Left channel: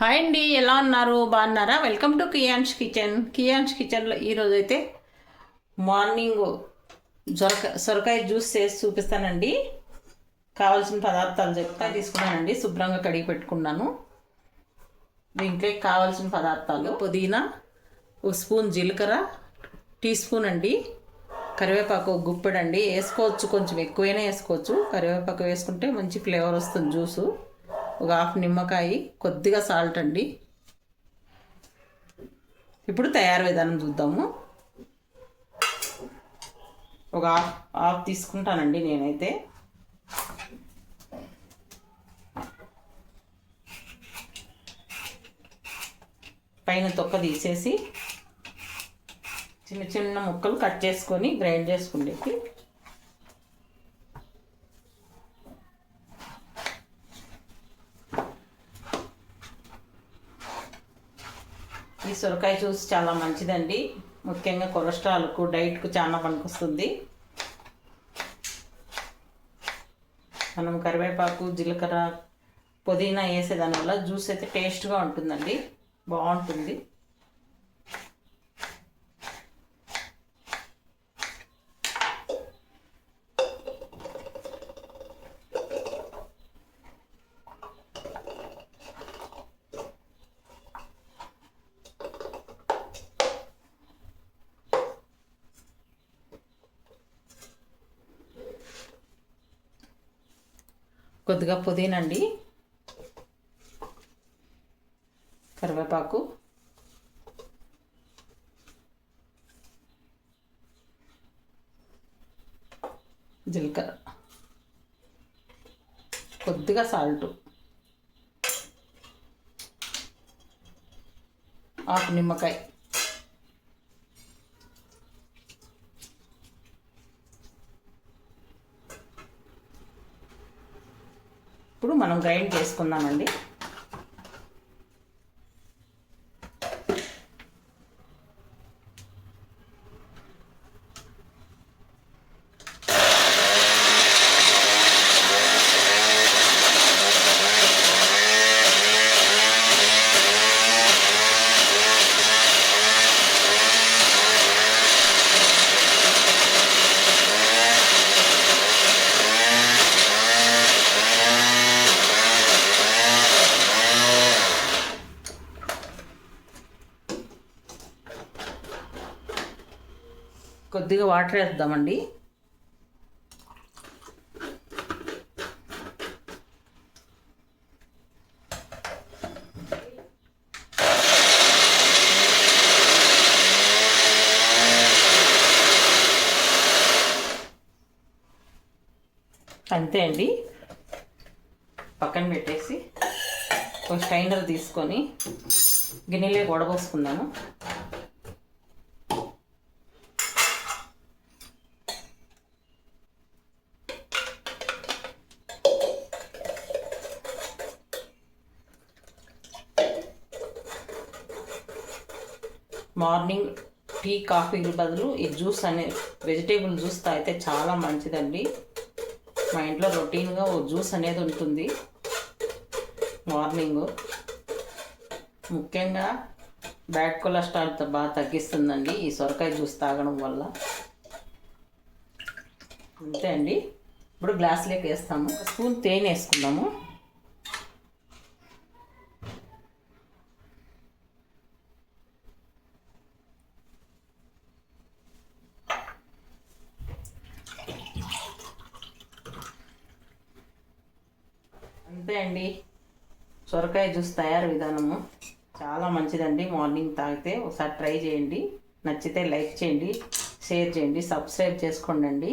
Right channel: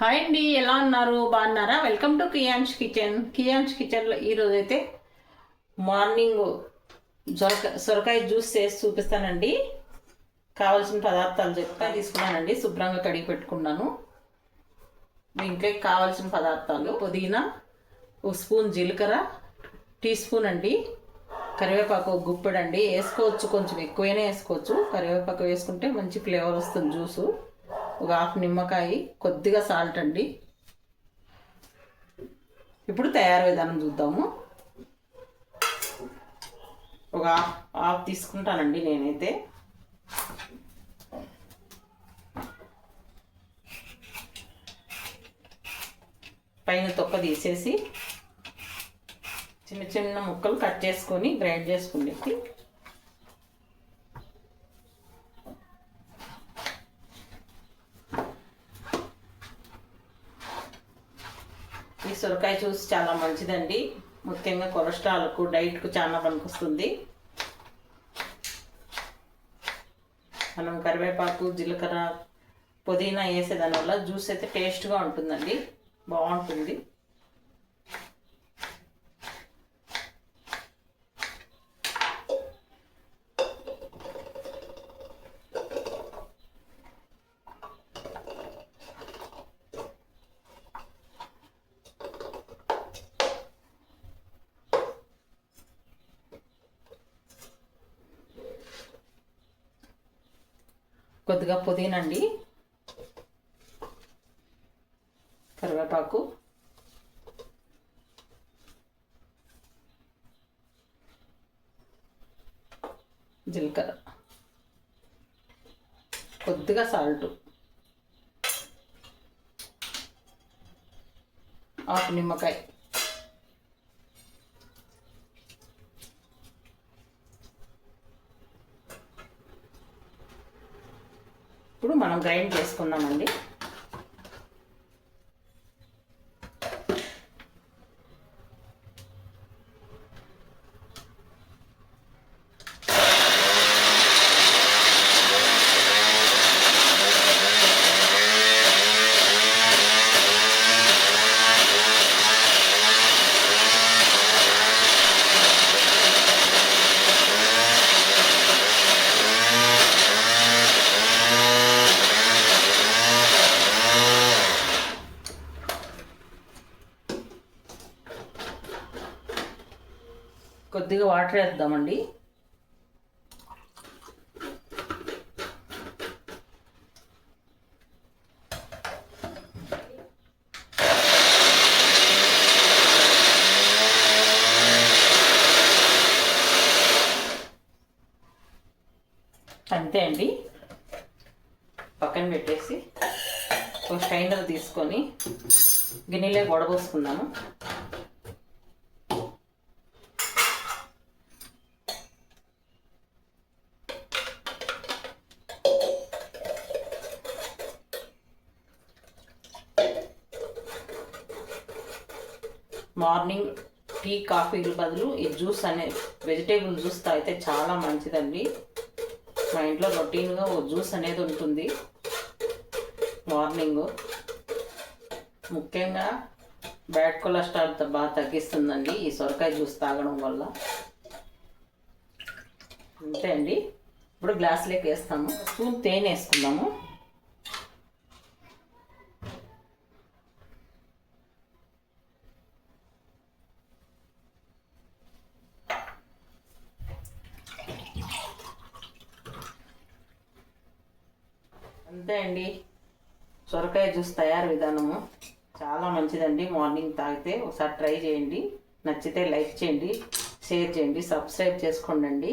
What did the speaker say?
Hi అండి ఎలా ఉన్నారు? బాగున్నారా? Welcome to Kiyan's kitchen Kiyan's కిచెన్లో ఈరోజు అయితే మార్నింగ్ సొరక సొరకాయ జ్యూస్ చేసి చూపిస్తానండి. కావాల్సిన పదార్థాలు చెప్తా తీసుకున్నానండి. శుభ్రంగా కడిగి పెట్టుకున్నాను. దీంట్లోకి కావాల్సిన పదార్థాలు పుదీనా ఒక స్పూన్ జీలకర్ర టీ స్పూన్ అండి. కరివేపాకు ఒక వేసుకోవచ్చు కొంచెం ఎక్కువైనా వేసుకోవచ్చు. కరివేపాకు వేసుకుంటే మంచి ఫ్లేవర్ వస్తుంది జ్యూసు. ఒక హాఫ్ నిమ్మకాయ కొద్దిగా సాల్ట్ అండి. ఇప్పుడు తయారు విధానం చూద్దాము. ఒక హాఫ్ హాఫ్ తీసుకుంటానండి నేనైతే. పైన తొక్క తీసేసి చిన్న చిన్న ముక్కలు కట్ చేసుకొని గ్రైండ్ చేసుకునేకి సొరకాయ జ్యూస్ చాలా మంచిదండి. ముఖ్యంగా కొలెస్ట్రాల్కు డైట్కు చాలా పనికొస్తుంది. మనం కరివేపాకు జీలకర్ర పుదీనా వేసేదాని వల్ల జ్యూస్ అయితే టేస్ట్గా ఉంటుందండి. బాగుంటుంది. కొద్దిగా పుదీనా అండి కరివేపాకు జీలకర్ర. కొద్దిగా సాల్ట్. ఆకు నిమ్మకాయ ఇప్పుడు మనం గ్రైండ్ చేసుకుందామండి. కొద్దిగా వాటర్ వేద్దామండి. అంతే అండి. పక్కన పెట్టేసి ఒక స్టైనర్ తీసుకొని గిన్నెలే వడబోసుకుందాము మార్నింగ్ టీ కాఫీల బదులు ఈ జ్యూస్ అనే వెజిటేబుల్ జ్యూస్ తాగితే చాలా మంచిదండి. మా ఇంట్లో రొటీన్గా ఓ జ్యూస్ అనేది ఉంటుంది. మార్నింగ్. ముఖ్యంగా బ్యాడ్ కొలెస్ట్రాల్ బాగా తగ్గిస్తుందండి ఈ సొరకాయ జ్యూస్ తాగడం వల్ల. అంతే అండి. ఇప్పుడు గ్లాస్లోకి వేస్తాము. స్పూన్ తేనె వేసుకుందాము. అంతే అండి. సొరకాయ జ్యూస్ తయారు విధానము చాలా మంచిదండి. మార్నింగ్ తాగితే ఒకసారి ట్రై చేయండి. నచ్చితే లైక్ చేయండి షేర్ చేయండి సబ్స్క్రైబ్ చేసుకోండి